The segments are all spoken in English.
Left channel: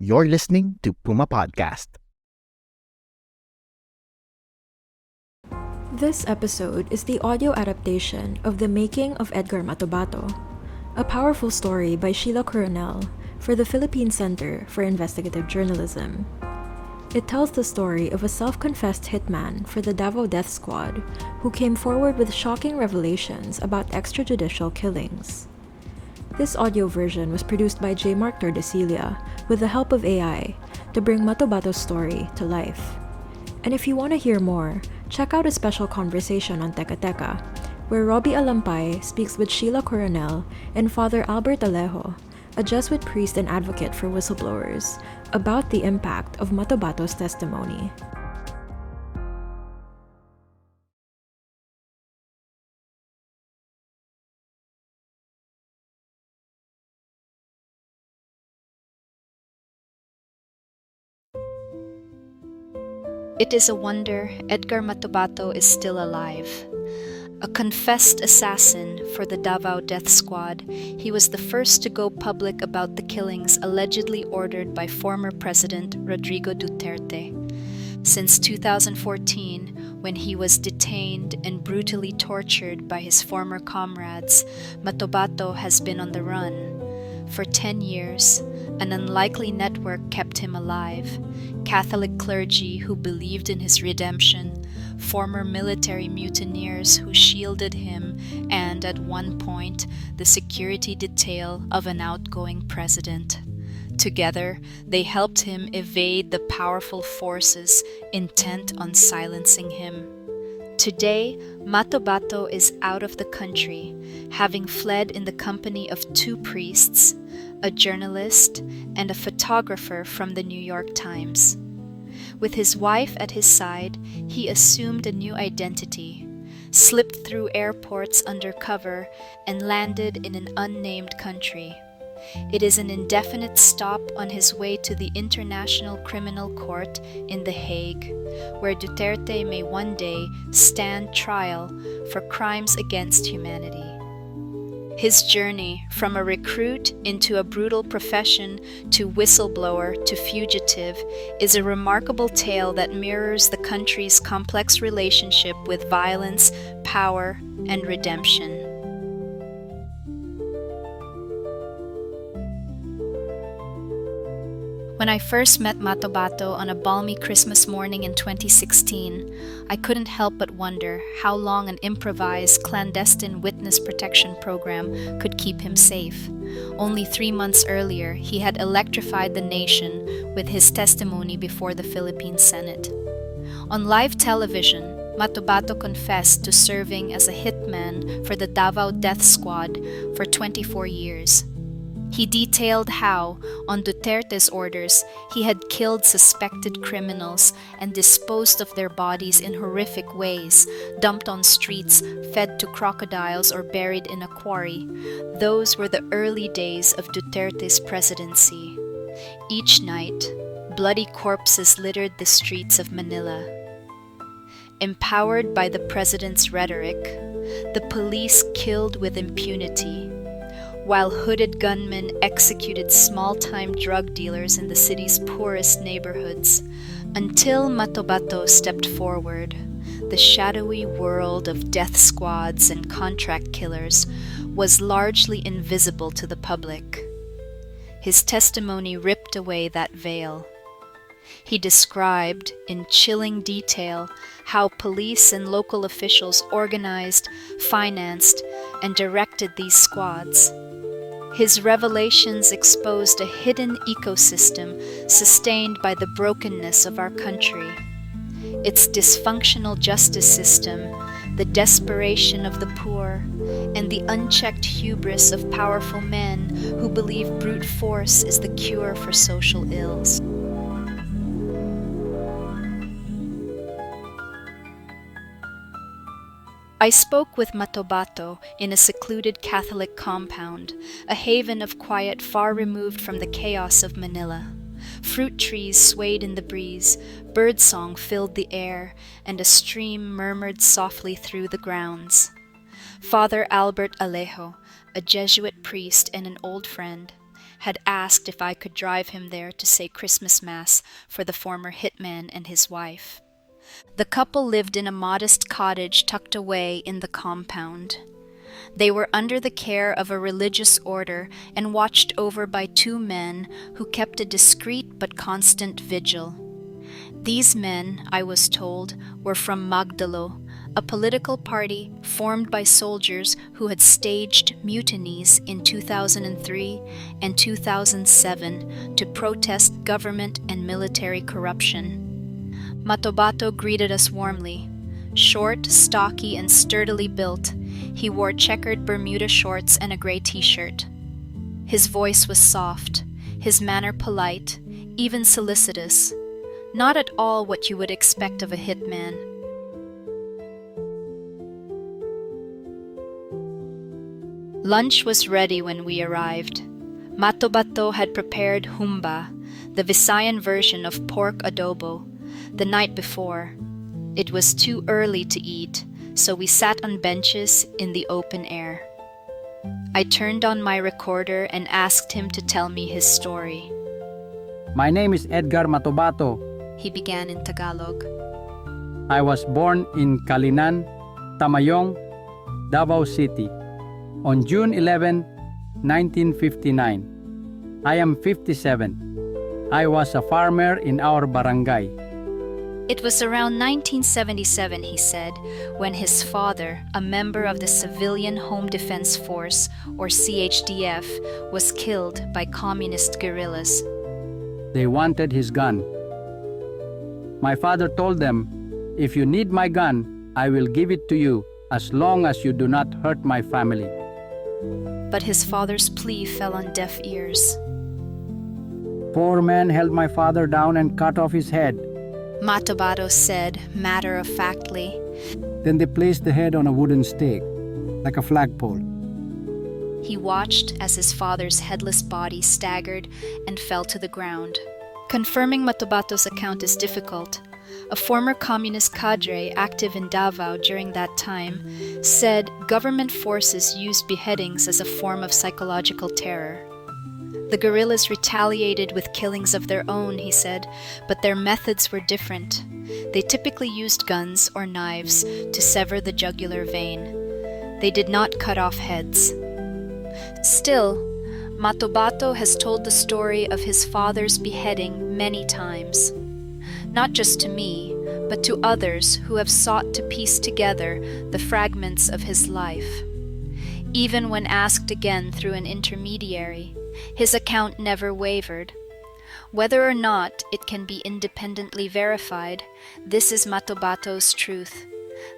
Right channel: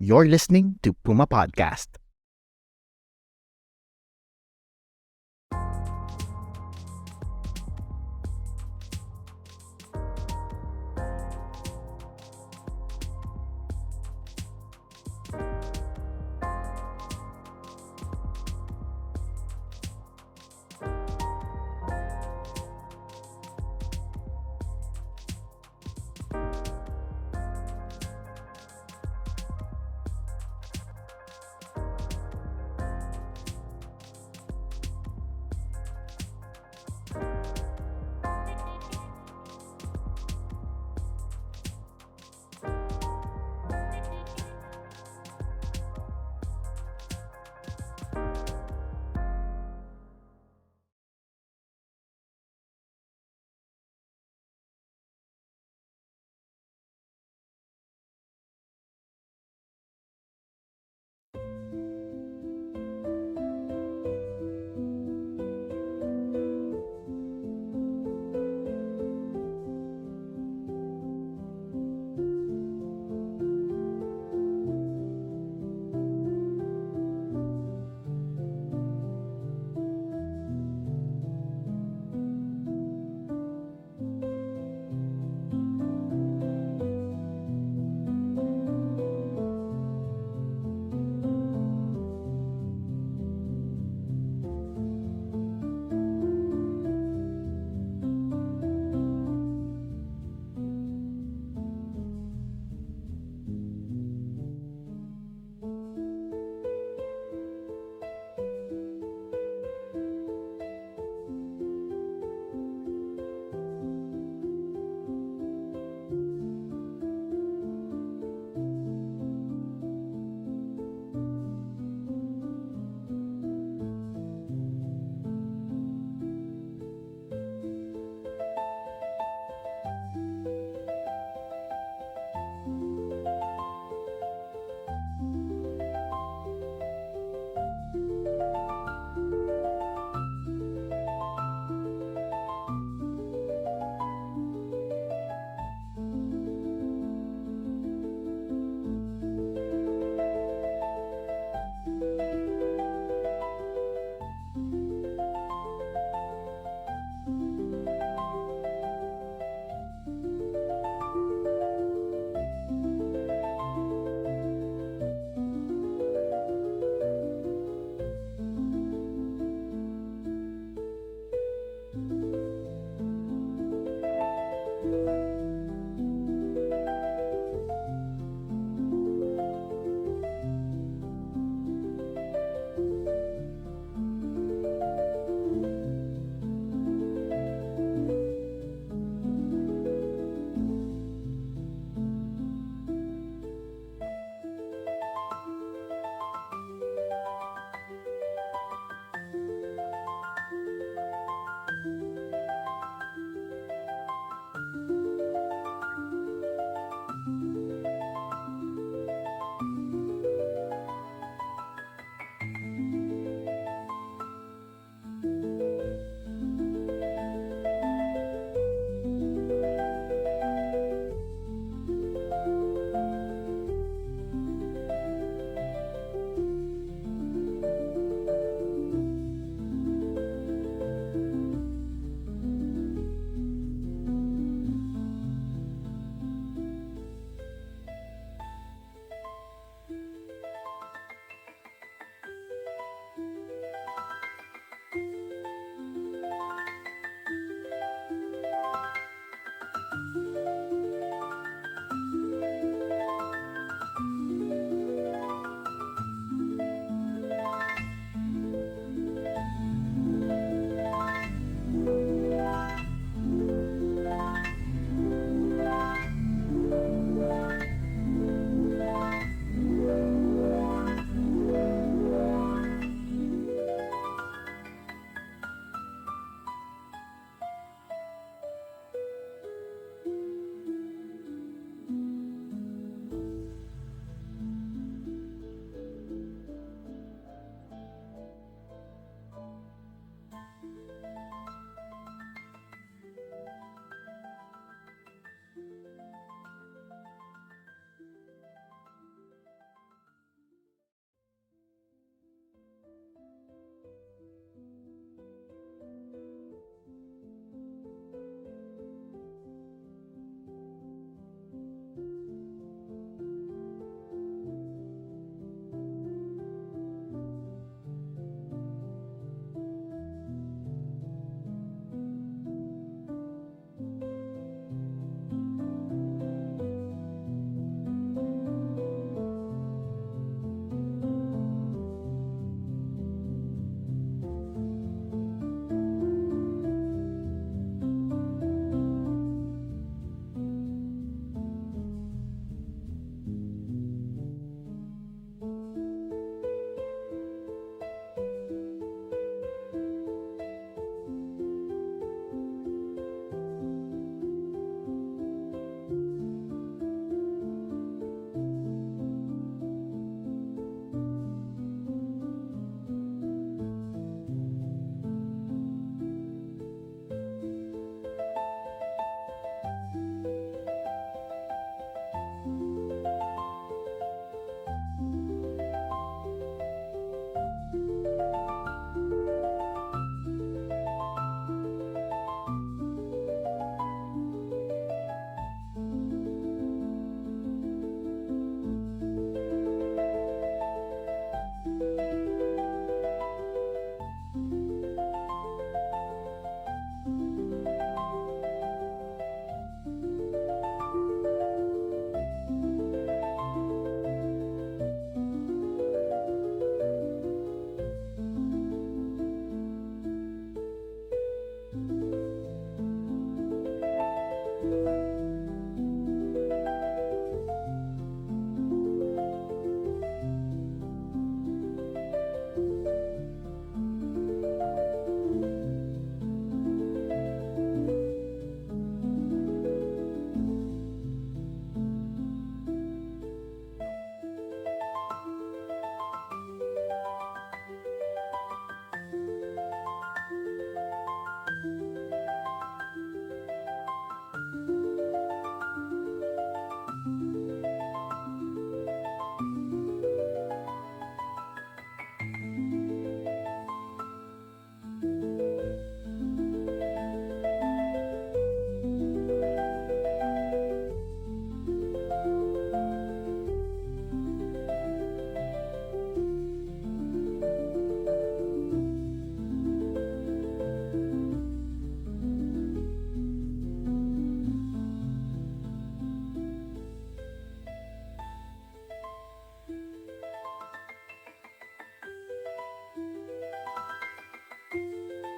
You're listening to Puma Podcast. This episode is the audio adaptation of The Making of Edgar Matobato, a powerful story by Sheila Coronel for the Philippine Center for Investigative Journalism. It tells the story of a self-confessed hitman for the Davao Death Squad who came forward with shocking revelations about extrajudicial killings. This audio version was produced by Jaemark Tordecilla with the help of AI to bring Matobato's story to life. And if you want to hear more, check out a special conversation on Teka Teka, where Robbie Alampay speaks with Sheila Coronel and Father Albert Alejo, a Jesuit priest and advocate for whistleblowers, about the impact of Matobato's testimony. It is a wonder Edgar Matobato is still alive. A confessed assassin for the Davao Death Squad, he was the first to go public about the killings allegedly ordered by former President Rodrigo Duterte. Since 2014, when he was detained and brutally tortured by his former comrades, Matobato has been on the run. For 10 years, an unlikely network kept him alive. Catholic clergy who believed in his redemption, former military mutineers who shielded him, and at one point, the security detail of an outgoing president. Together, they helped him evade the powerful forces intent on silencing him. Today, Matobato is out of the country, having fled in the company of 2 priests, a journalist, and a photographer from the New York Times. With his wife at his side, he assumed a new identity, slipped through airports undercover, and landed in an unnamed country. It is an indefinite stop on his way to the International Criminal Court in The Hague, where Duterte may one day stand trial for crimes against humanity. His journey from a recruit into a brutal profession to whistleblower to fugitive is a remarkable tale that mirrors the country's complex relationship with violence, power, and redemption. When I first met Matobato on a balmy Christmas morning in 2016, I couldn't help but wonder how long an improvised clandestine witness protection program could keep him safe. Only 3 months earlier, he had electrified the nation with his testimony before the Philippine Senate. On live television, Matobato confessed to serving as a hitman for the Davao Death Squad for 24 years. He detailed how, on Duterte's orders, he had killed suspected criminals and disposed of their bodies in horrific ways, dumped on streets, fed to crocodiles, or buried in a quarry. Those were the early days of Duterte's presidency. Each night, bloody corpses littered the streets of Manila. Empowered by the president's rhetoric, the police killed with impunity, while hooded gunmen executed small-time drug dealers in the city's poorest neighborhoods. Until Matobato stepped forward, the shadowy world of death squads and contract killers was largely invisible to the public. His testimony ripped away that veil. He described, in chilling detail, how police and local officials organized, financed, and directed these squads. His revelations exposed a hidden ecosystem sustained by the brokenness of our country. Its dysfunctional justice system, the desperation of the poor, and the unchecked hubris of powerful men who believe brute force is the cure for social ills. I spoke with Matobato in a secluded Catholic compound, a haven of quiet far removed from the chaos of Manila. Fruit trees swayed in the breeze, birdsong filled the air, and a stream murmured softly through the grounds. Father Albert Alejo, a Jesuit priest and an old friend, had asked if I could drive him there to say Christmas Mass for the former hitman and his wife. The couple lived in a modest cottage tucked away in the compound. They were under the care of a religious order and watched over by two men who kept a discreet but constant vigil. These men, I was told, were from Magdalo, a political party formed by soldiers who had staged mutinies in 2003 and 2007 to protest government and military corruption. Matobato greeted us warmly. Short, stocky, and sturdily built, he wore checkered Bermuda shorts and a gray t-shirt. His voice was soft, his manner polite, even solicitous. Not at all what you would expect of a hitman. Lunch was ready when we arrived. Matobato had prepared humba, the Visayan version of pork adobo, the night before. It was too early to eat, so we sat on benches in the open air. I turned on my recorder and asked him to tell me his story. My name is Edgar Matobato. He began in Tagalog. I was born in Kalinan, Tamayong, Davao City, on June 11, 1959. I am 57. I was a farmer in our barangay. It was around 1977, he said, when his father, a member of the Civilian Home Defense Force, or CHDF, was killed by communist guerrillas. They wanted his gun. My father told them, "If you need my gun, I will give it to you as long as you do not hurt my family." But his father's plea fell on deaf ears. Four men held my father down and cut off his head. Matobato said, matter-of-factly. Then they placed the head on a wooden stake, like a flagpole. He watched as his father's headless body staggered and fell to the ground. Confirming Matobato's account is difficult. A former communist cadre active in Davao during that time said government forces used beheadings as a form of psychological terror. The guerrillas retaliated with killings of their own, he said, but their methods were different. They typically used guns or knives to sever the jugular vein. They did not cut off heads. Still, Matobato has told the story of his father's beheading many times. Not just to me, but to others who have sought to piece together the fragments of his life. Even when asked again through an intermediary, his account never wavered. Whether or not it can be independently verified, this is Matobato's truth,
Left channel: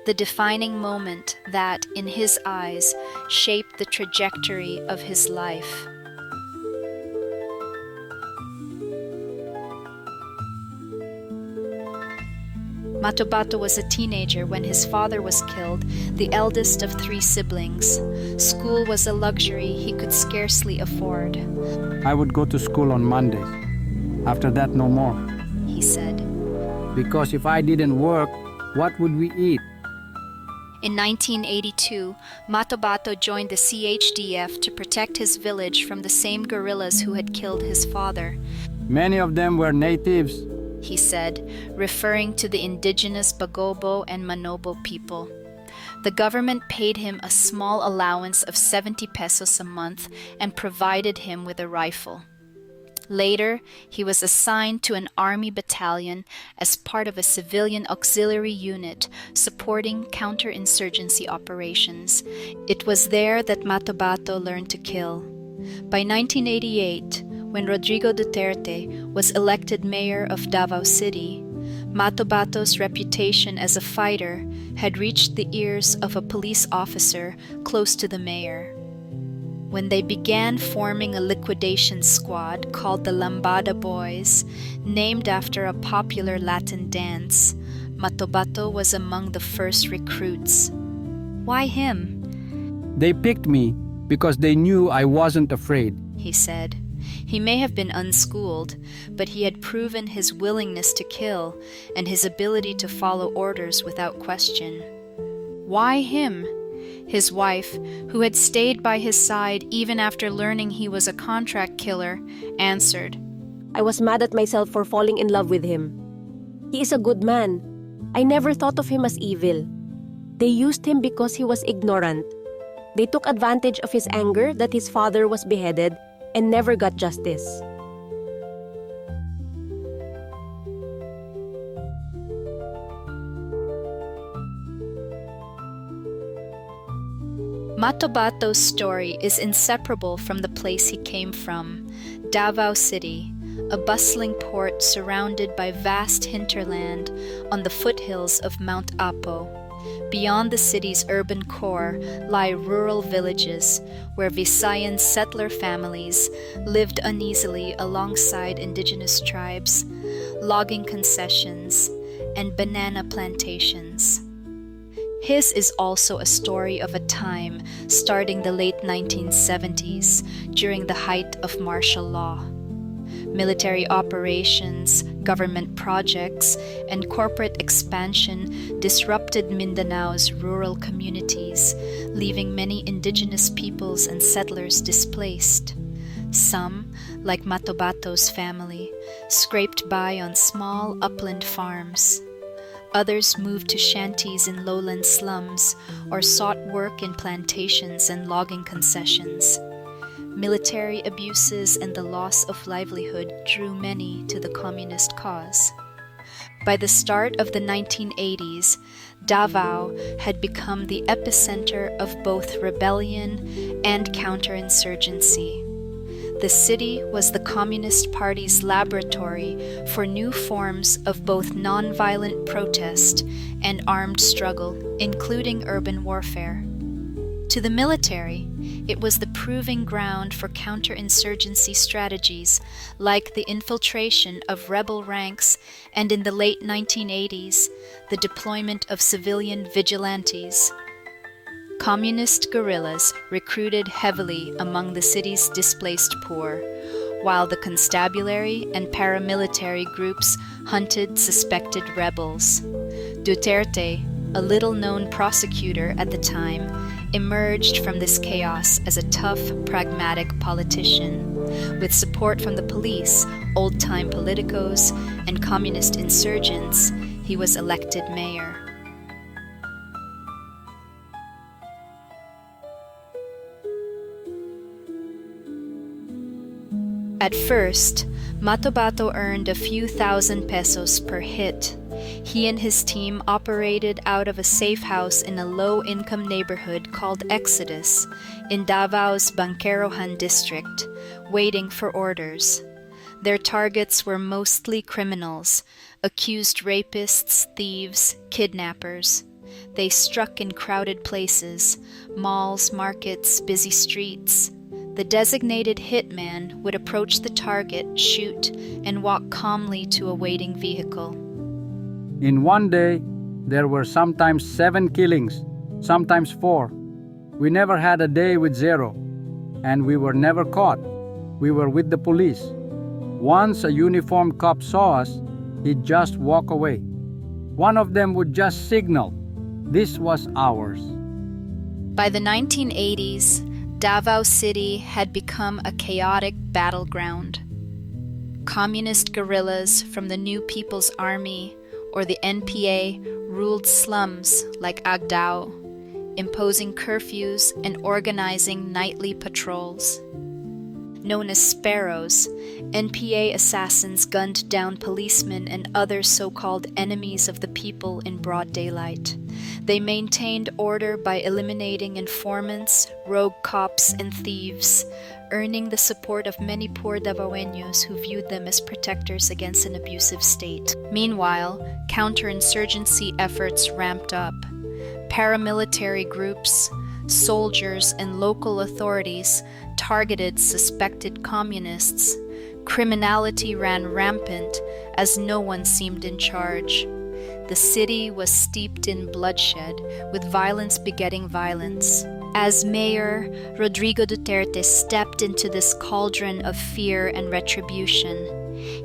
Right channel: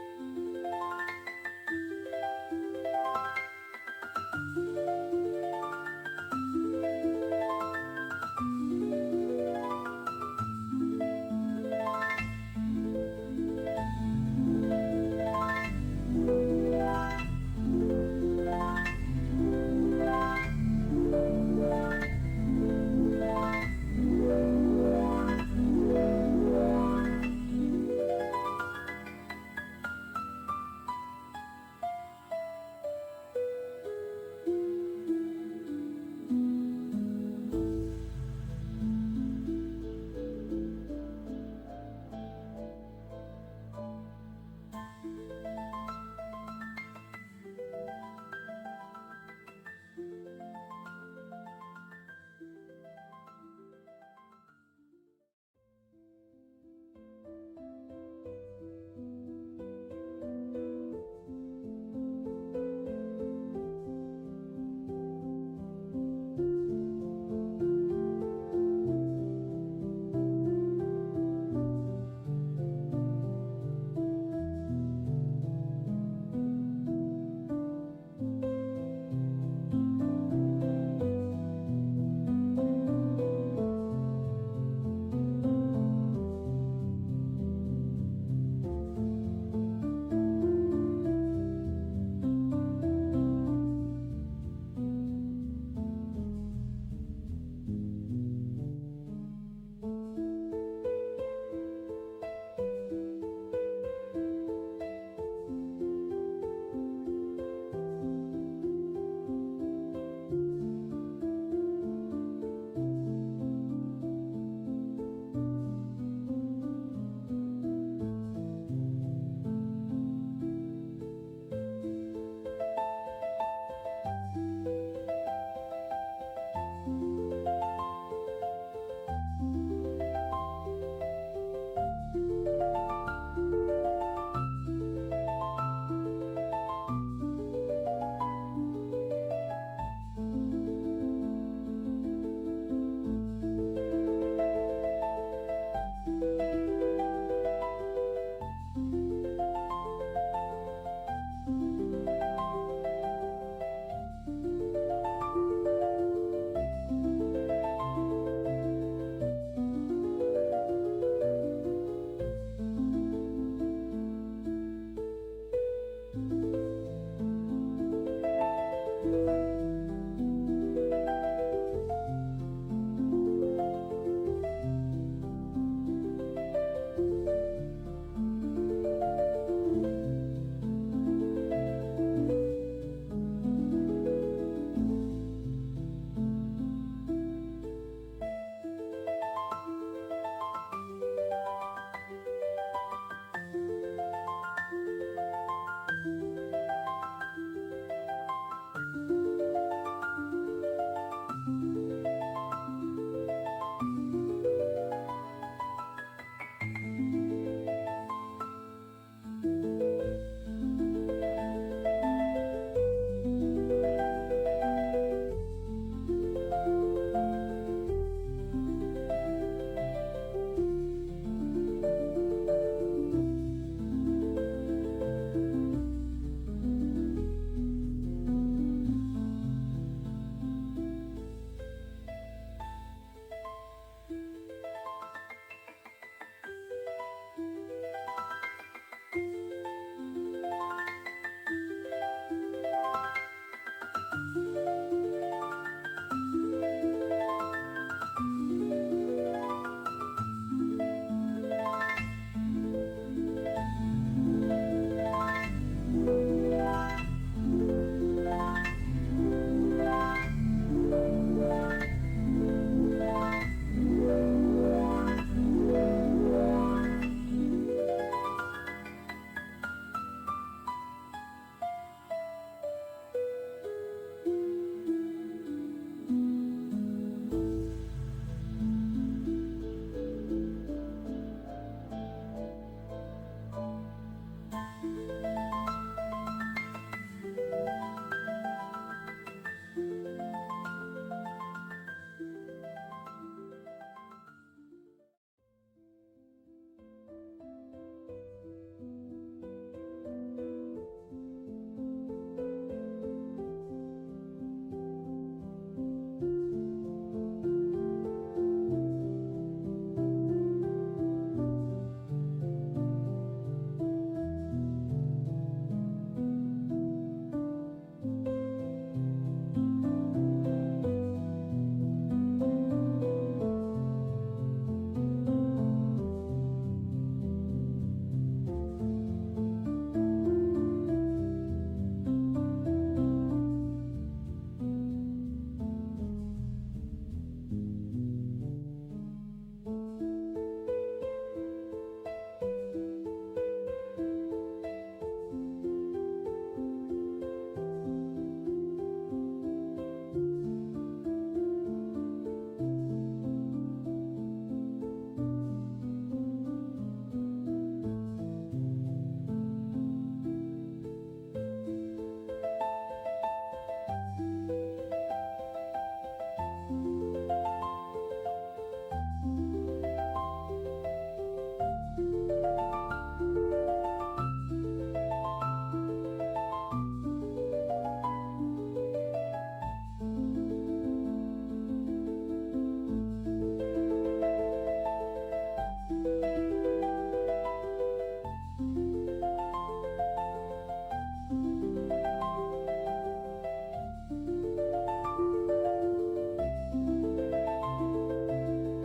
the defining moment that, in his eyes, shaped the trajectory of his life. Matobato was a teenager when his father was killed, the eldest of 3 siblings. School was a luxury he could scarcely afford. I would go to school on Mondays. After that, no more. He said. Because if I didn't work, what would we eat? In 1982, Matobato joined the CHDF to protect his village from the same guerrillas who had killed his father. Many of them were natives, he said, referring to the indigenous Bagobo and Manobo people. The government paid him a small allowance of 70 pesos a month and provided him with a rifle. Later, he was assigned to an army battalion as part of a civilian auxiliary unit supporting counterinsurgency operations. It was there that Matobato learned to kill. By 1988, when Rodrigo Duterte was elected mayor of Davao City, Matobato's reputation as a fighter had reached the ears of a police officer close to the mayor. When they began forming a liquidation squad called the Lambada Boys, named after a popular Latin dance, Matobato was among the first recruits. Why him? They picked me because they knew I wasn't afraid, he said. He may have been unschooled, but he had proven his willingness to kill and his ability to follow orders without question. Why him? His wife, who had stayed by his side even after learning he was a contract killer, answered, I was mad at myself for falling in love with him. He is a good man. I never thought of him as evil. They used him because he was ignorant. They took advantage of his anger that his father was beheaded and never got justice. Matobato's story is inseparable from the place he came from, Davao City, a bustling port surrounded by vast hinterland on the foothills of Mount Apo. Beyond the city's urban core lie rural villages where Visayan settler families lived uneasily alongside indigenous tribes, logging concessions, and banana plantations. His is also a story of a time starting the late 1970s during the height of martial law. Military operations, government projects, and corporate expansion disrupted Mindanao's rural communities, leaving many indigenous peoples and settlers displaced. Some, like Matobato's family, scraped by on small upland farms. Others moved to shanties in lowland slums or sought work in plantations and logging concessions. Military abuses and the loss of livelihood drew many to the communist cause. By the start of the 1980s, Davao had become the epicenter of both rebellion and counterinsurgency. The city was the Communist Party's laboratory for new forms of both nonviolent protest and armed struggle, including urban warfare. To the military, it was the proving ground for counterinsurgency strategies like the infiltration of rebel ranks and, in the late 1980s, the deployment of civilian vigilantes. Communist guerrillas recruited heavily among the city's displaced poor, while the constabulary and paramilitary groups hunted suspected rebels. Duterte, a little-known prosecutor at the time, emerged from this chaos as a tough, pragmatic politician. With support from the police, old-time politicos, and communist insurgents, he was elected mayor. At first, Matobato earned a few thousand pesos per hit. He and his team operated out of a safe house in a low-income neighborhood called Exodus in Davao's Banquerohan district, waiting for orders. Their targets were mostly criminals, accused rapists, thieves, kidnappers. They struck in crowded places, malls, markets, busy streets. The designated hitman would approach the target, shoot, and walk calmly to a waiting vehicle. In one day, there were sometimes 7 killings, sometimes 4. We never had a day with 0, and we were never caught. We were with the police. Once a uniformed cop saw us, he'd just walk away. One of them would just signal. This was ours. By the 1980s, Davao City had become a chaotic battleground. Communist guerrillas from the New People's Army or the NPA ruled slums like Agdao, imposing curfews and organizing nightly patrols. Known as Sparrows, NPA assassins gunned down policemen and other so-called enemies of the people in broad daylight. They maintained order by eliminating informants, rogue cops, and thieves, earning the support of many poor Davaoeños who viewed them as protectors against an abusive state. Meanwhile, counterinsurgency efforts ramped up. Paramilitary groups, soldiers, and local authorities targeted suspected communists. Criminality ran rampant as no one seemed in charge. The city was steeped in bloodshed, with violence begetting violence. As mayor, Rodrigo Duterte stepped into this cauldron of fear and retribution.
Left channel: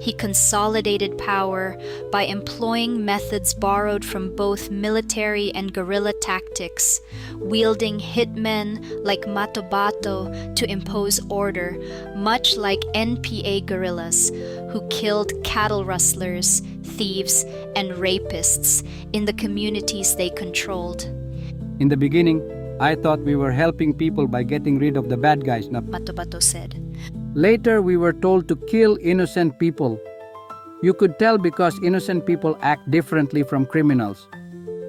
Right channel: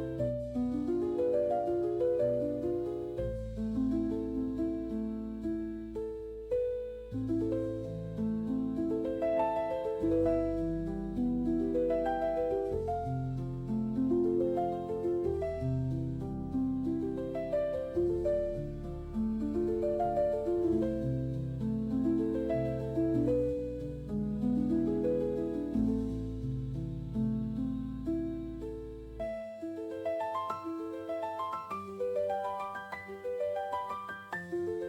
He consolidated power by employing methods borrowed from both military and guerrilla tactics, wielding hitmen like Matobato to impose order, much like NPA guerrillas who killed cattle rustlers, thieves, and rapists in the communities they controlled. In the beginning, I thought we were helping people by getting rid of the bad guys, Matobato said. Later, we were told to kill innocent people. You could tell because innocent people act differently from criminals,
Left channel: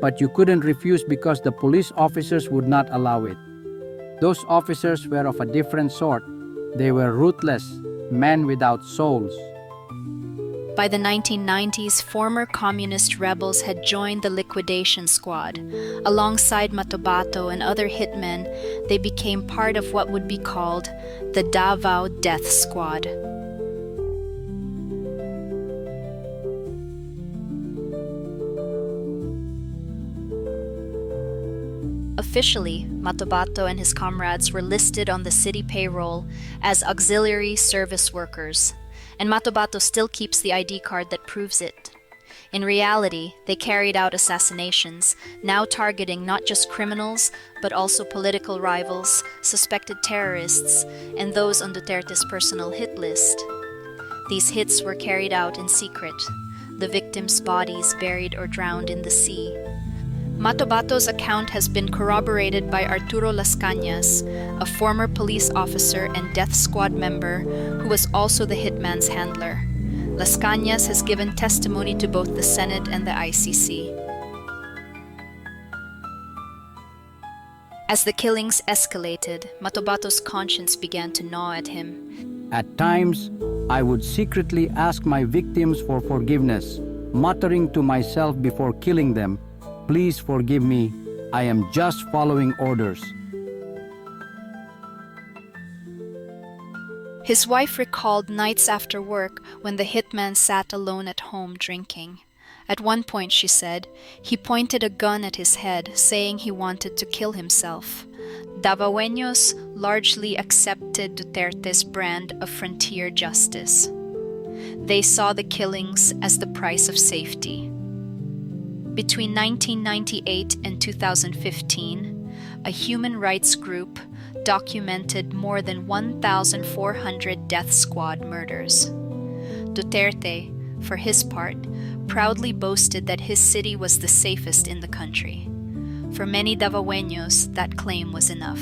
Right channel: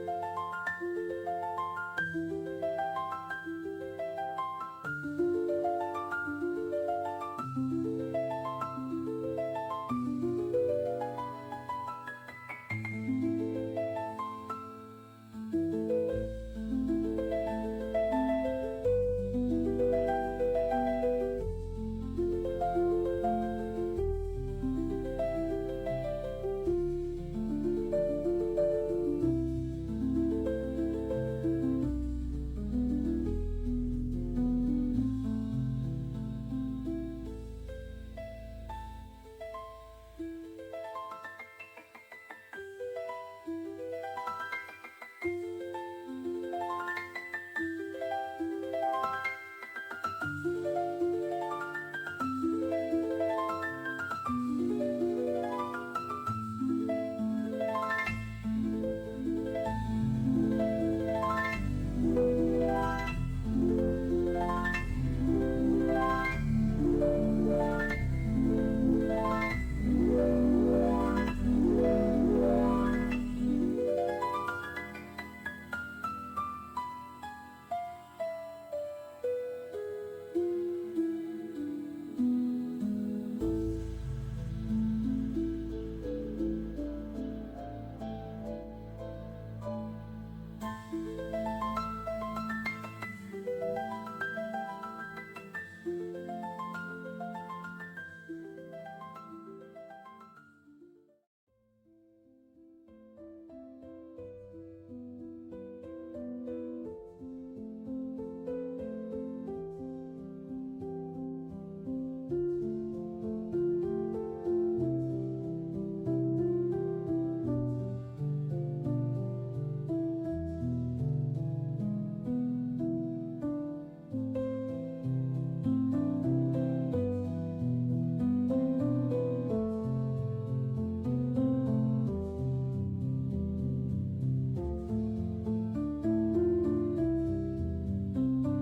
but you couldn't refuse because the police officers would not allow it. Those officers were of a different sort. They were ruthless, men without souls. By the 1990s, former communist rebels had joined the liquidation squad. Alongside Matobato and other hitmen, they became part of what would be called the Davao Death Squad. Officially, Matobato and his comrades were listed on the city payroll as auxiliary service workers, and Matobato still keeps the ID card that proves it. In reality, they carried out assassinations, now targeting not just criminals, but also political rivals, suspected terrorists, and those on Duterte's personal hit list. These hits were carried out in secret, the victims' bodies buried or drowned in the sea. Matobato's account has been corroborated by Arturo Las Cañas, a former police officer and death squad member who was also the hitman's handler. Las Cañas has given testimony to both the Senate and the ICC. As the killings escalated, Matobato's conscience began to gnaw at him. At times, I would secretly ask my victims for forgiveness, muttering to myself before killing them, "Please forgive me, I am just following orders." His wife recalled nights after work when the hitman sat alone at home drinking. At one point, she said, he pointed a gun at his head, saying he wanted to kill himself. Davaoeños largely accepted Duterte's brand of frontier justice. They saw the killings as the price of safety. Between 1998 and 2015, a human rights group documented more than 1,400 death squad murders. Duterte, for his part, proudly boasted that his city was the safest in the country. For many Davaoeños, that claim was enough.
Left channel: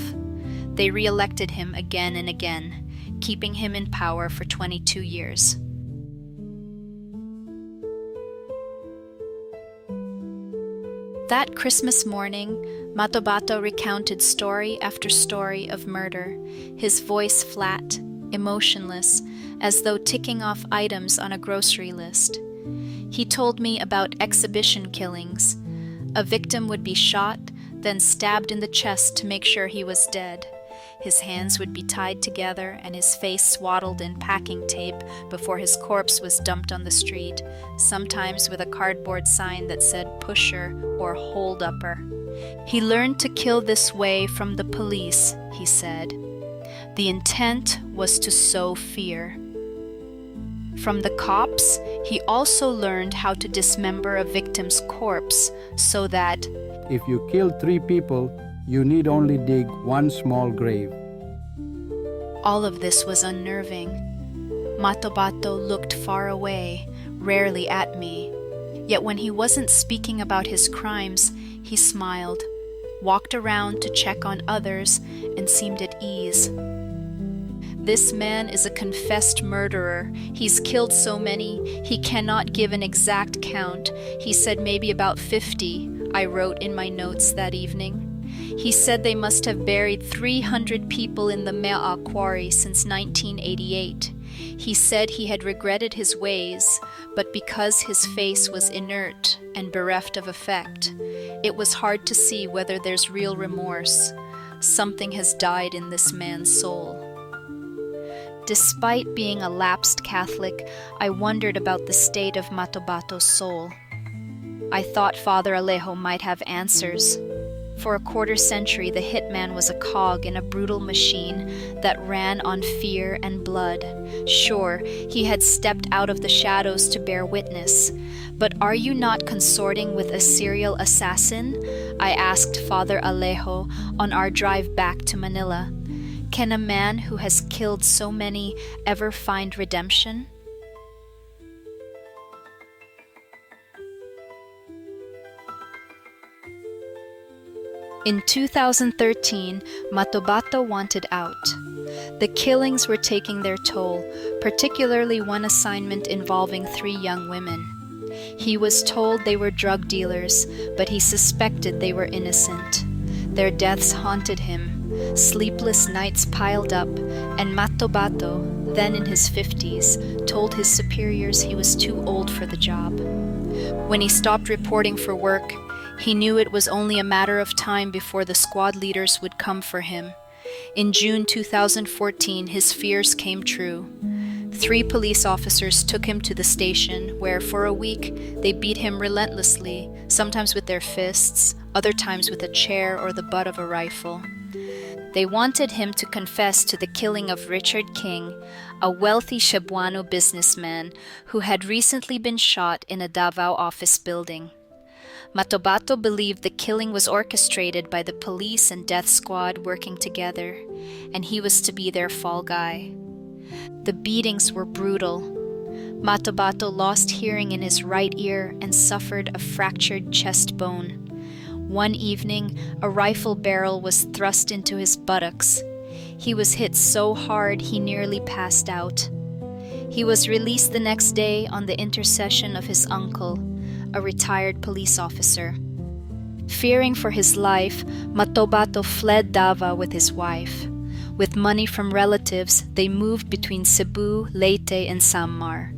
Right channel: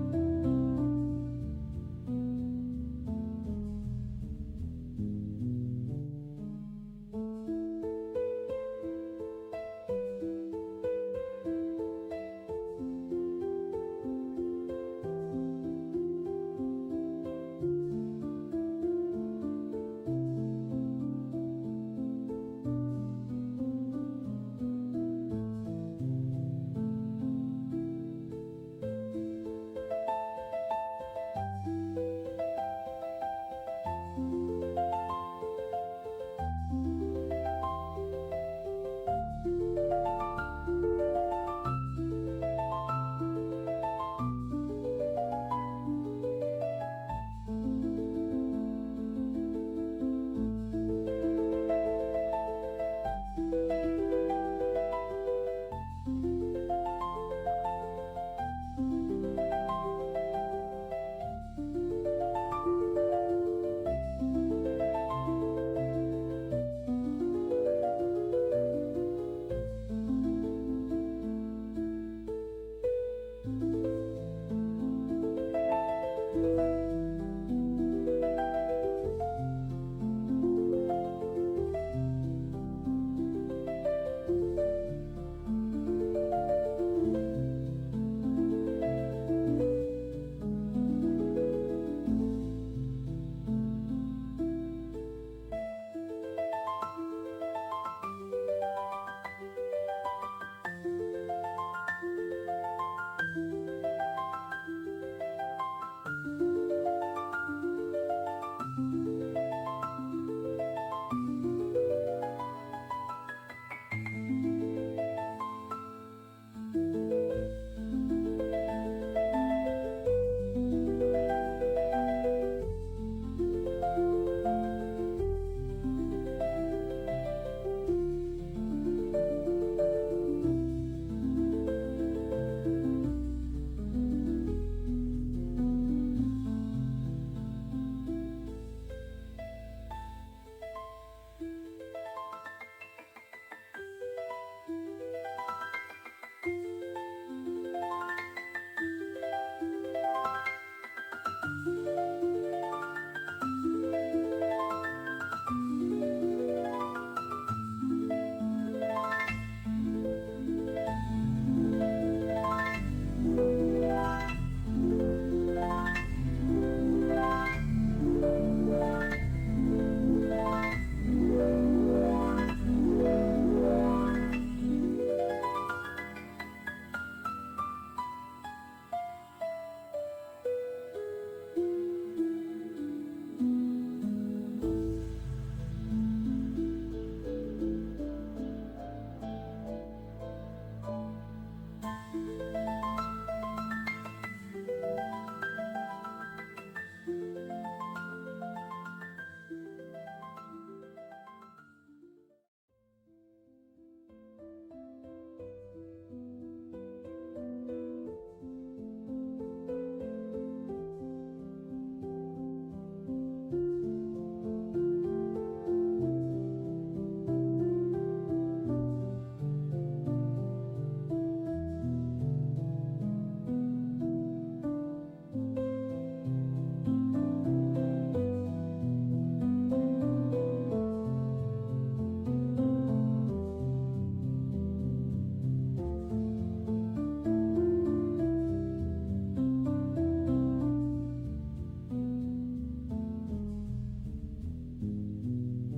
They re-elected him again and again, keeping him in power for 22 years. That Christmas morning, Matobato recounted story after story of murder, his voice flat, emotionless, as though ticking off items on a grocery list. He told me about exhibition killings. A victim would be shot, then stabbed in the chest to make sure he was dead. His hands would be tied together and his face swaddled in packing tape before his corpse was dumped on the street, sometimes with a cardboard sign that said pusher or hold-upper. He learned to kill this way from the police, he said. The intent was to sow fear. From the cops, he also learned how to dismember a victim's corpse so that, if you kill 3 people, you need only dig 1 small grave. all of this was unnerving. Matobato looked far away, rarely at me. Yet when he wasn't speaking about his crimes, he smiled, walked around to check on others, and seemed at ease. This man is a confessed murderer. He's killed so many, he cannot give an exact count. He said maybe about 50, I wrote in my notes that evening. He said they must have buried 300 people in the Mea quarry since 1988. He said he had regretted his ways, but because his face was inert and bereft of effect, it was hard to see whether there's real remorse. Something has died in this man's soul. Despite being a lapsed Catholic, I wondered about the state of Matobato's soul. I thought Father Alejo might have answers. For a quarter century, the hitman was a cog in a brutal machine that ran on fear and blood. Sure, he had stepped out of the shadows to bear witness. But are you not consorting with a serial assassin? I asked Father Alejo on our drive back to Manila. Can a man who has killed so many ever find redemption? In 2013, Matobato wanted out. The killings were taking their toll, particularly one assignment involving 3 young women. He was told they were drug dealers, but he suspected they were innocent. Their deaths haunted him. Sleepless nights piled up, and Matobato, then in his 50s, told his superiors he was too old for the job. When he stopped reporting for work, he knew it was only a matter of time before the squad leaders would come for him. In June 2014, his fears came true. 3 police officers took him to the station, where for a week they beat him relentlessly, sometimes with their fists, other times with a chair or the butt of a rifle. They wanted him to confess to the killing of Richard King, a wealthy Cebuano businessman who had recently been shot in a Davao office building. Matobato believed the killing was orchestrated by the police and death squad working together, and he was to be their fall guy. The beatings were brutal. Matobato lost hearing in his right ear and suffered a fractured chest bone. One evening, a rifle barrel was thrust into his buttocks. He was hit so hard he nearly passed out. He was released the next day on the intercession of his uncle, a retired police officer. Fearing for his life, Matobato fled Davao with his wife. With money from relatives, they moved between Cebu, Leyte, and Samar.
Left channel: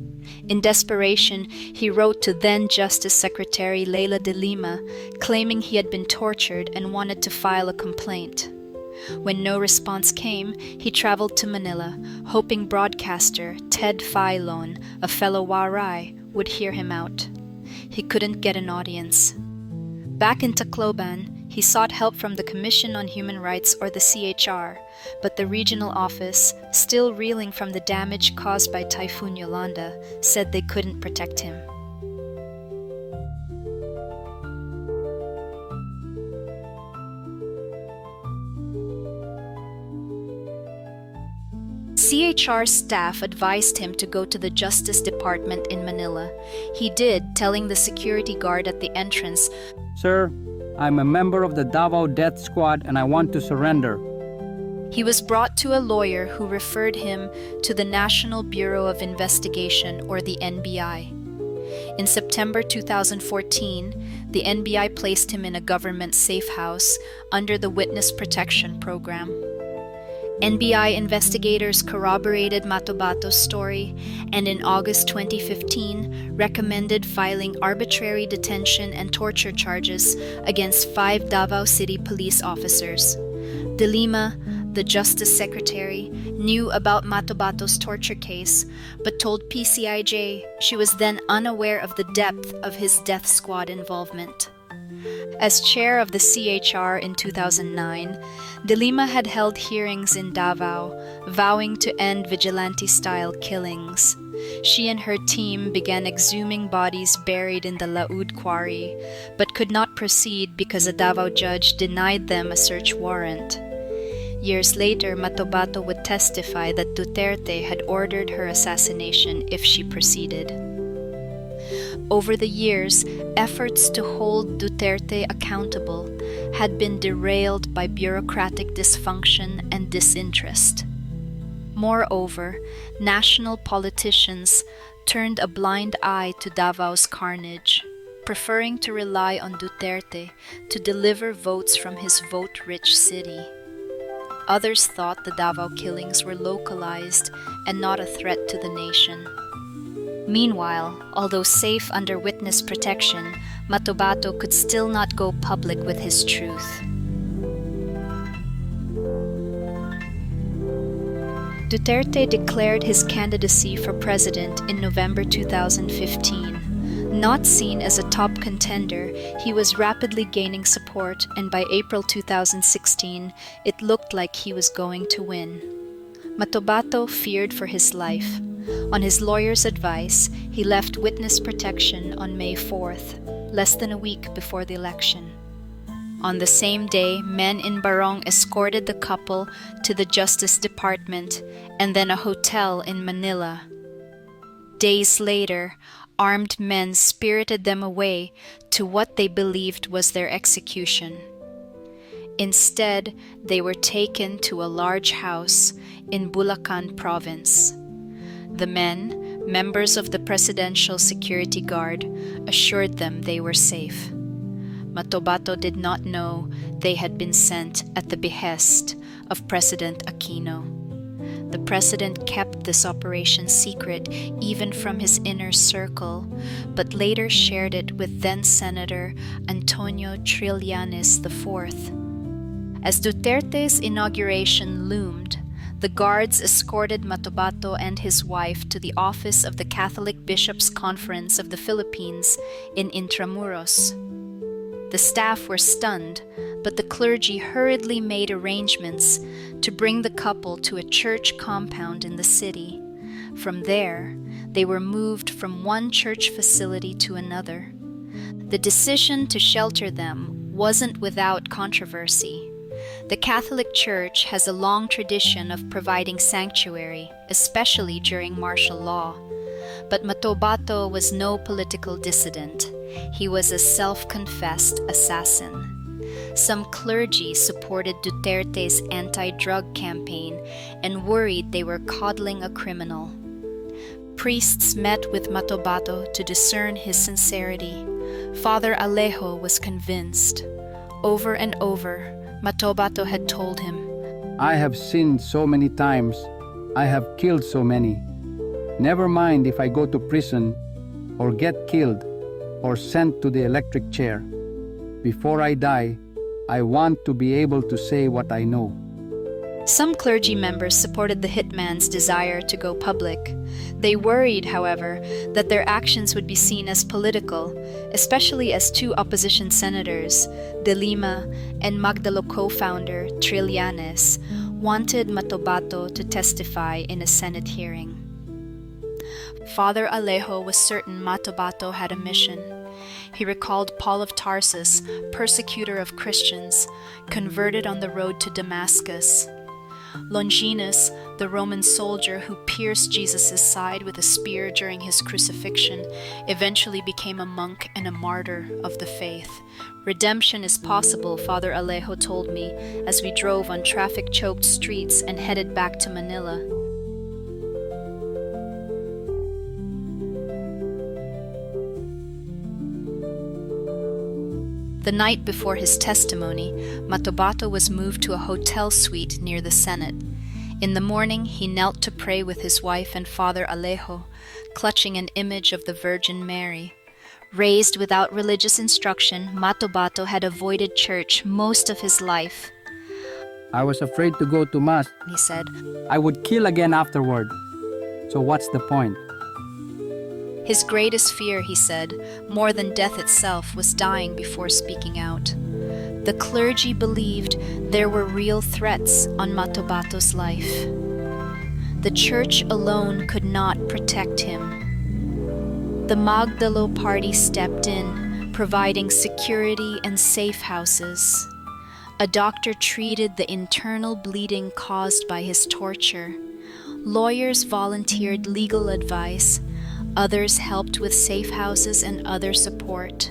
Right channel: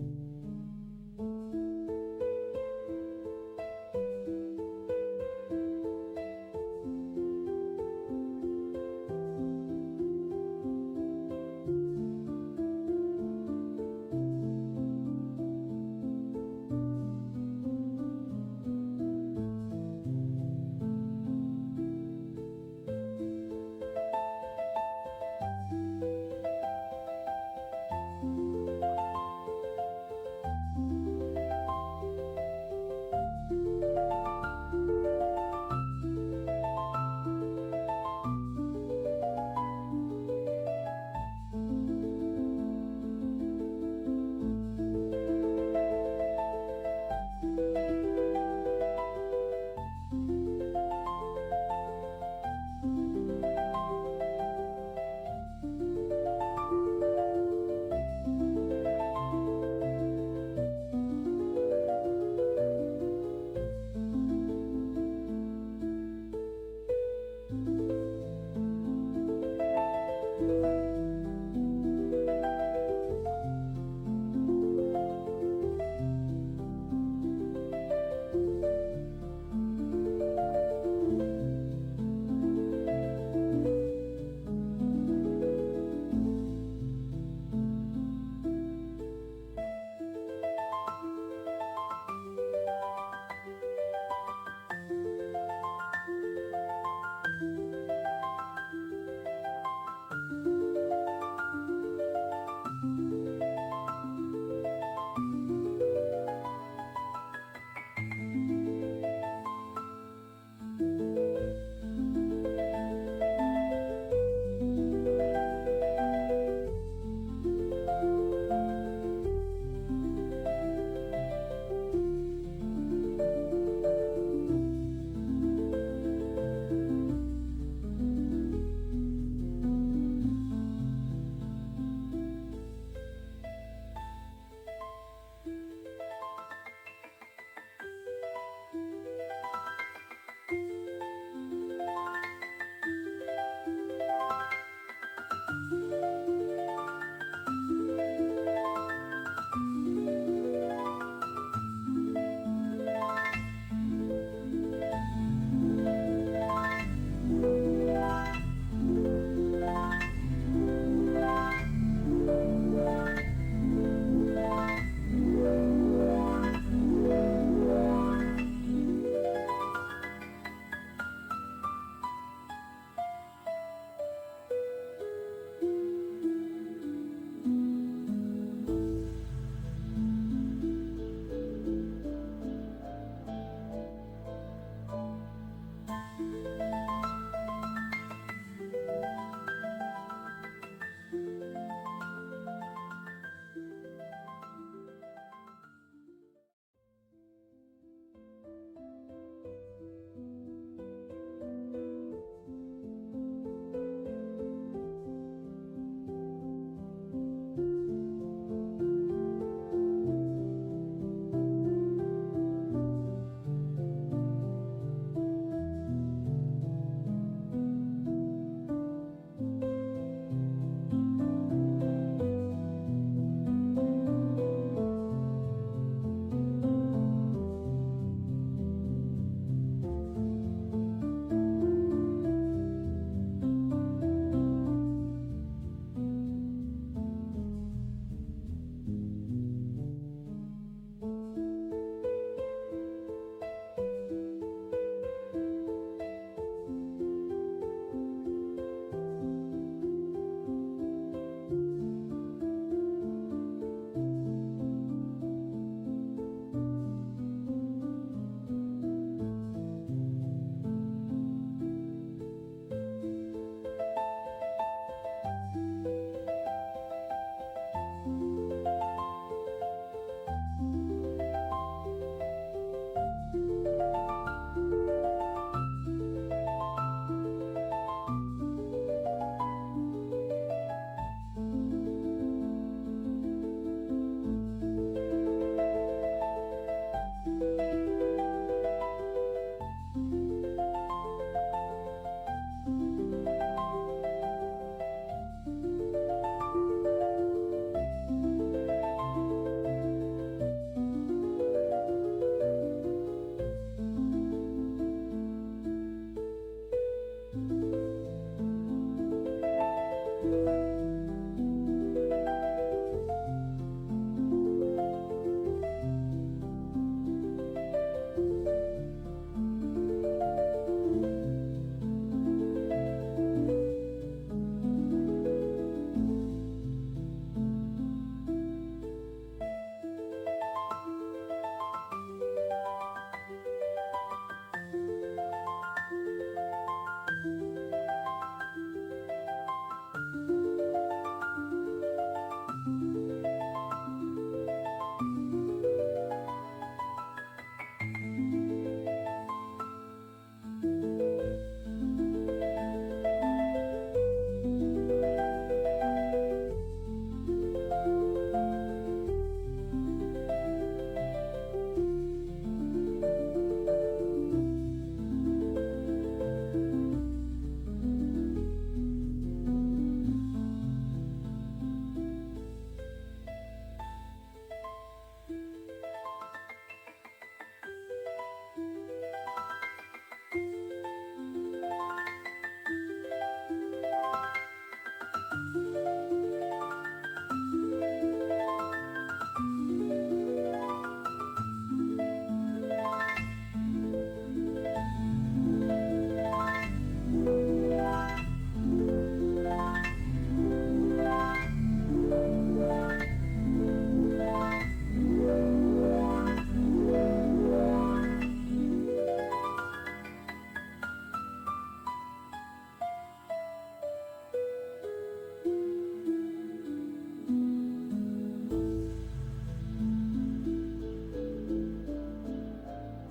In desperation, he wrote to then Justice Secretary Leila de Lima, claiming he had been tortured and wanted to file a complaint. When no response came, he traveled to Manila, hoping broadcaster Ted Filon, a fellow Waray, would hear him out. He couldn't get an audience. Back in Tacloban, he sought help from the Commission on Human Rights, or the CHR, but the regional office, still reeling from the damage caused by Typhoon Yolanda, said they couldn't protect him. CHR staff advised him to go to the Justice Department in Manila. He did, telling the security guard at the entrance, "Sir, I'm a member of the Davao Death Squad and I want to surrender." He was brought to a lawyer who referred him to the National Bureau of Investigation, or the NBI. In September 2014, the NBI placed him in a government safe house under the Witness Protection Program. NBI investigators corroborated Matobato's story, and in August 2015 recommended filing arbitrary detention and torture charges against 5 Davao City police officers. De Lima, the Justice Secretary, knew about Matobato's torture case, but told PCIJ she was then unaware of the depth of his death squad involvement. As chair of the CHR in 2009, De Lima had held hearings in Davao, vowing to end vigilante-style killings. She and her team began exhuming bodies buried in the Laud quarry, but could not proceed because a Davao judge denied them a search warrant. Years later, Matobato would testify that Duterte had ordered her assassination if she proceeded. Over the years, efforts to hold Duterte accountable had been derailed by bureaucratic dysfunction and disinterest. Moreover, national politicians turned a blind eye to Davao's carnage, preferring to rely on Duterte to deliver votes from his vote-rich city. Others thought the Davao killings were localized and not a threat to the nation. Meanwhile, although safe under witness protection, Matobato could still not go public with his truth. Duterte declared his candidacy for president in November 2015. Not seen as a top contender, he was rapidly gaining support, and by April 2016, it looked like he was going to win. Matobato feared for his life. On his lawyer's advice, he left witness protection on May 4th, less than a week before the election. On the same day, men in Barong escorted the couple to the Justice Department and then a hotel in Manila. Days later, armed men spirited them away to what they believed was their execution. Instead, they were taken to a large house in Bulacan province. The men, members of the Presidential Security Guard, assured them they were safe. Matobato did not know they had been sent at the behest of President Aquino. The president kept this operation secret even from his inner circle, but later shared it with then-Senator Antonio Trillanes IV. As Duterte's inauguration loomed, the guards escorted Matobato and his wife to the office of the Catholic Bishops' Conference of the Philippines in Intramuros. The staff were stunned, but the clergy hurriedly made arrangements to bring the couple to a church compound in the city. From there, they were moved from one church facility to another. The decision to shelter them wasn't without controversy. The Catholic Church has a long tradition of providing sanctuary, especially during martial law. But Matobato was no political dissident. He was a self-confessed assassin. Some clergy supported Duterte's anti-drug campaign and worried they were coddling a criminal. Priests met with Matobato to discern his sincerity. Father Alejo was convinced. Over and over, Matobato had told him, I have sinned so many times. I have killed so many. Never mind if I go to prison or get killed or sent to the electric chair. Before I die, I want to be able to say what I know. Some clergy members supported the hitman's desire to go public. They worried, however, that their actions would be seen as political, especially as two opposition senators, De Lima and Magdalo co-founder Trillanes, wanted Matobato to testify in a Senate hearing. Father Alejo was certain Matobato had a mission. He recalled Paul of Tarsus, persecutor of Christians, converted on the road to Damascus. Longinus, the Roman soldier who pierced Jesus' side with a spear during his crucifixion, eventually became a monk and a martyr of the faith. Redemption is possible, Father Alejo told me, as we drove on traffic-choked streets and headed back to Manila. The night before his testimony, Matobato was moved to a hotel suite near the Senate. In the morning, he knelt to pray with his wife and Father Alejo, clutching an image of the Virgin Mary. Raised without religious instruction, Matobato had avoided church most of his life. I was afraid to go to Mass, He said, I would kill again afterward. So what's the point? his greatest fear, he said, more than death itself, was dying before speaking out. The clergy believed there were real threats on Matobato's life. The church alone could not protect him. The Magdalo party stepped in, providing security and safe houses. A doctor treated the internal bleeding caused by his torture. Lawyers volunteered legal advice. Others helped with safe houses and other support.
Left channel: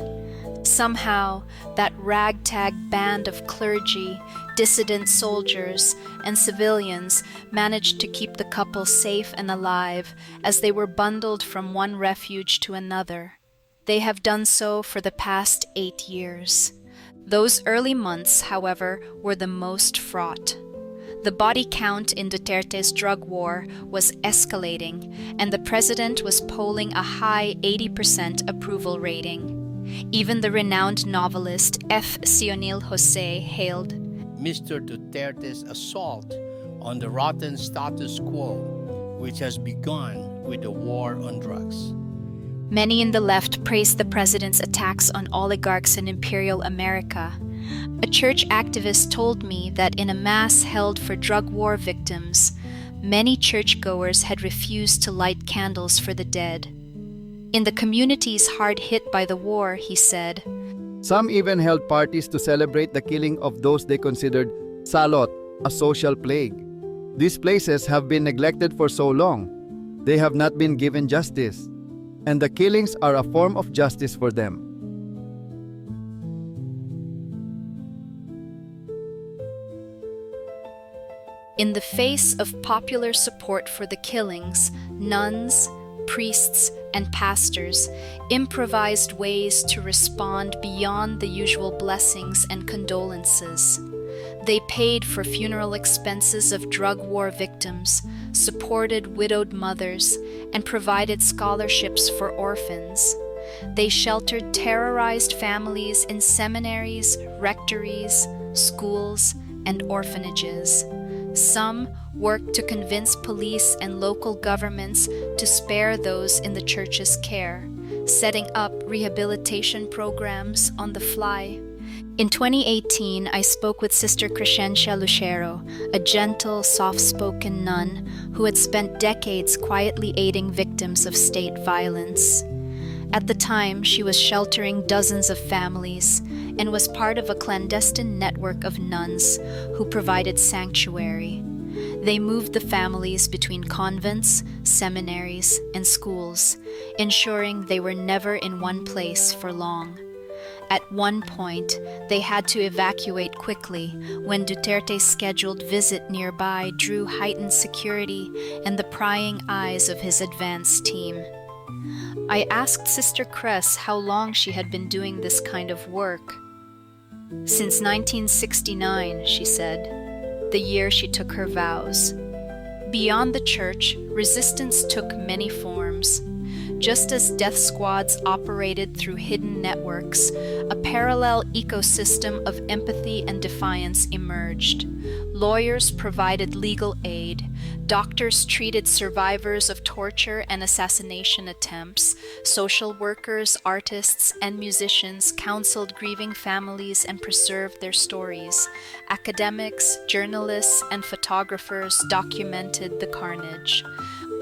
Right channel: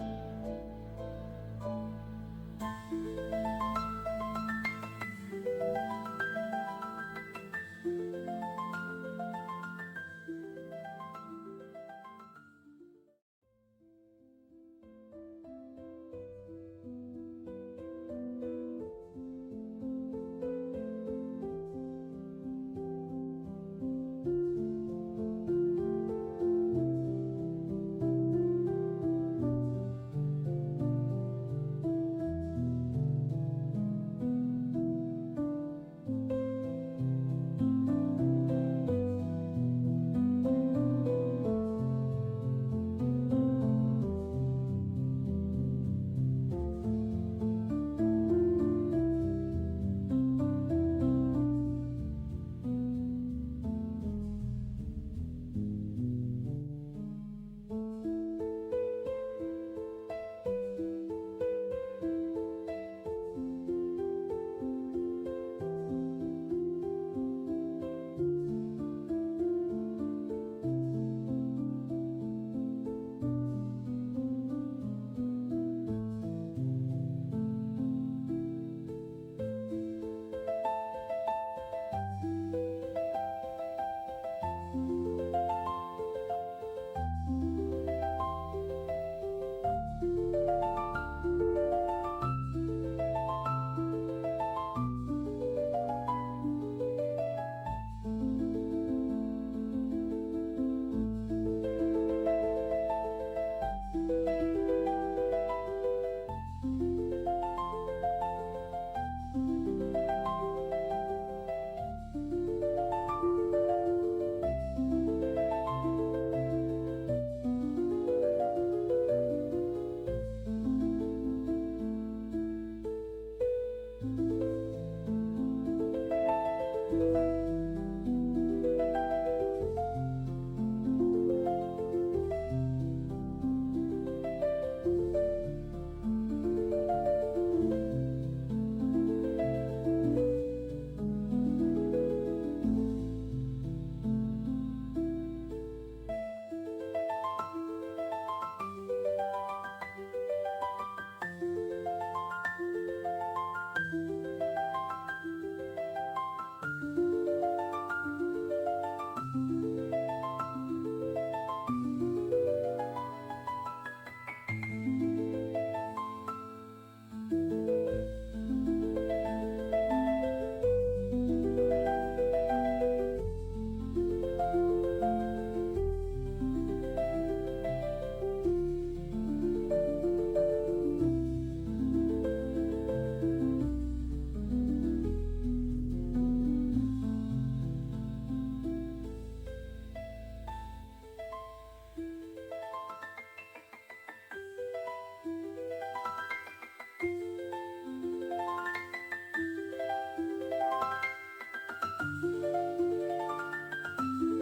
Somehow, that ragtag band of clergy, dissident soldiers, and civilians managed to keep the couple safe and alive as they were bundled from one refuge to another. They have done so for the past 8 years. Those early months, however, were the most fraught. The body count in Duterte's drug war was escalating, and the president was polling a high 80% approval rating. Even the renowned novelist F. Sionil Jose hailed Mr. Duterte's assault on the rotten status quo, which has begun with the war on drugs. Many in the left praised the president's attacks on oligarchs in imperial America. A church activist told me that in a mass held for drug war victims, many churchgoers had refused to light candles for the dead. In the communities hard hit by the war, he said, some even held parties to celebrate the killing of those they considered salot, a social plague. These places have been neglected for so long. They have not been given justice, and the killings are a form of justice for them. In the face of popular support for the killings, nuns, priests, and pastors improvised ways to respond beyond the usual blessings and condolences. They paid for funeral expenses of drug war victims, supported widowed mothers, and provided scholarships for orphans. They sheltered terrorized families in seminaries, rectories, schools, and orphanages. Some worked to convince police and local governments to spare those in the church's care, setting up rehabilitation programs on the fly. In 2018, I spoke with Sister Crescencia Lucero, a gentle, soft-spoken nun who had spent decades quietly aiding victims of state violence. At the time, she was sheltering dozens of families and was part of a clandestine network of nuns who provided sanctuary. They moved the families between convents, seminaries, and schools, ensuring they were never in one place for long. At one point, they had to evacuate quickly when Duterte's scheduled visit nearby drew heightened security and the prying eyes of his advance team. I asked Sister Cress how long she had been doing this kind of work. Since 1969, she said, the year she took her vows. Beyond the church, resistance took many forms. Just as death squads operated through hidden networks, a parallel ecosystem of empathy and defiance emerged. Lawyers provided legal aid, doctors treated survivors of torture and assassination attempts, social workers, artists, and musicians counseled grieving families and preserved their stories. Academics, journalists, and photographers documented the carnage.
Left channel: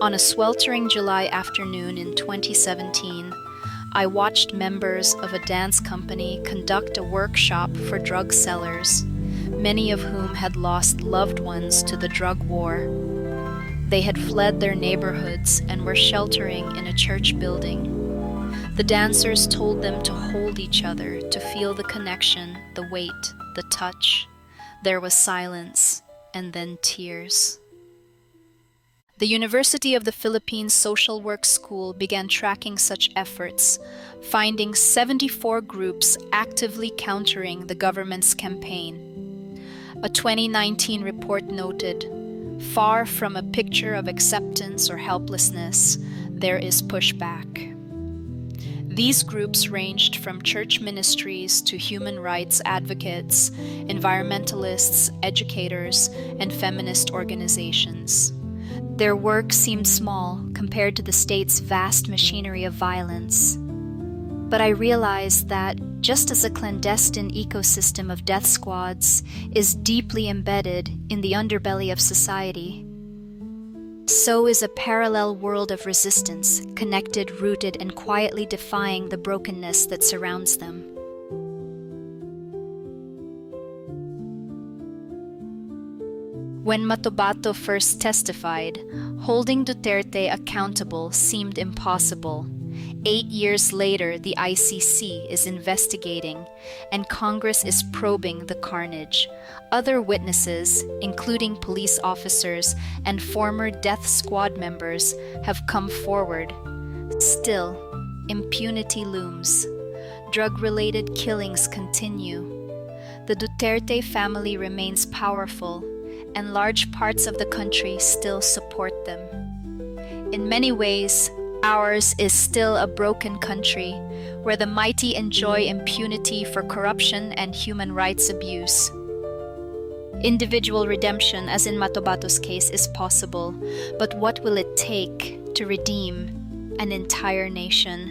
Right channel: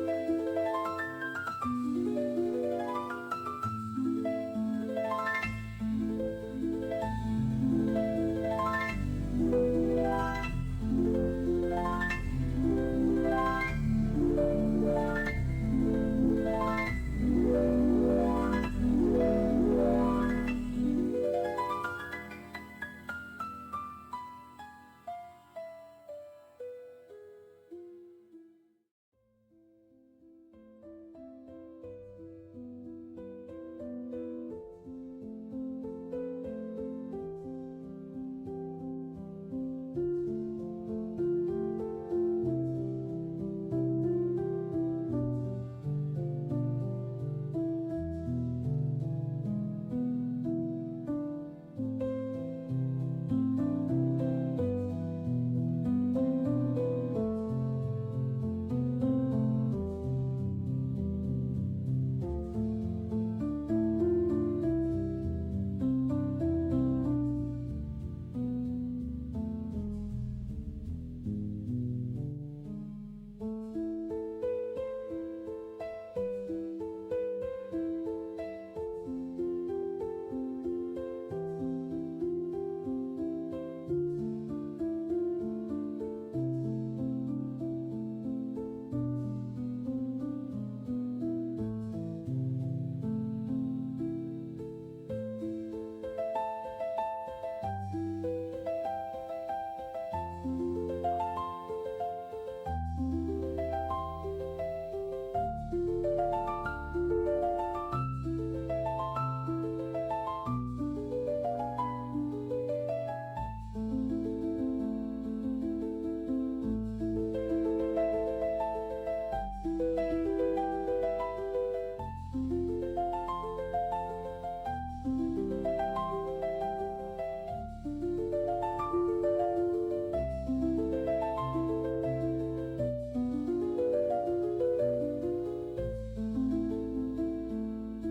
On a sweltering July afternoon in 2017, I watched members of a dance company conduct a workshop for drug sellers, many of whom had lost loved ones to the drug war. They had fled their neighborhoods and were sheltering in a church building. The dancers told them to hold each other, to feel the connection, the weight, the touch. There was silence, and then tears. The University of the Philippines Social Work School began tracking such efforts, finding 74 groups actively countering the government's campaign. A 2019 report noted, far from a picture of acceptance or helplessness, there is pushback. These groups ranged from church ministries to human rights advocates, environmentalists, educators, and feminist organizations. Their work seemed small compared to the state's vast machinery of violence. But I realized that, just as a clandestine ecosystem of death squads is deeply embedded in the underbelly of society, so is a parallel world of resistance, connected, rooted, and quietly defying the brokenness that surrounds them. When Matobato first testified, holding Duterte accountable seemed impossible. 8 years later, the ICC is investigating, and Congress is probing the carnage. Other witnesses, including police officers and former death squad members, have come forward. Still, impunity looms. Drug-related killings continue. The Duterte family remains powerful, and large parts of the country still support them. In many ways, ours is still a broken country where the mighty enjoy impunity for corruption and human rights abuse. Individual redemption, as in Matobato's case, is possible, but what will it take to redeem an entire nation?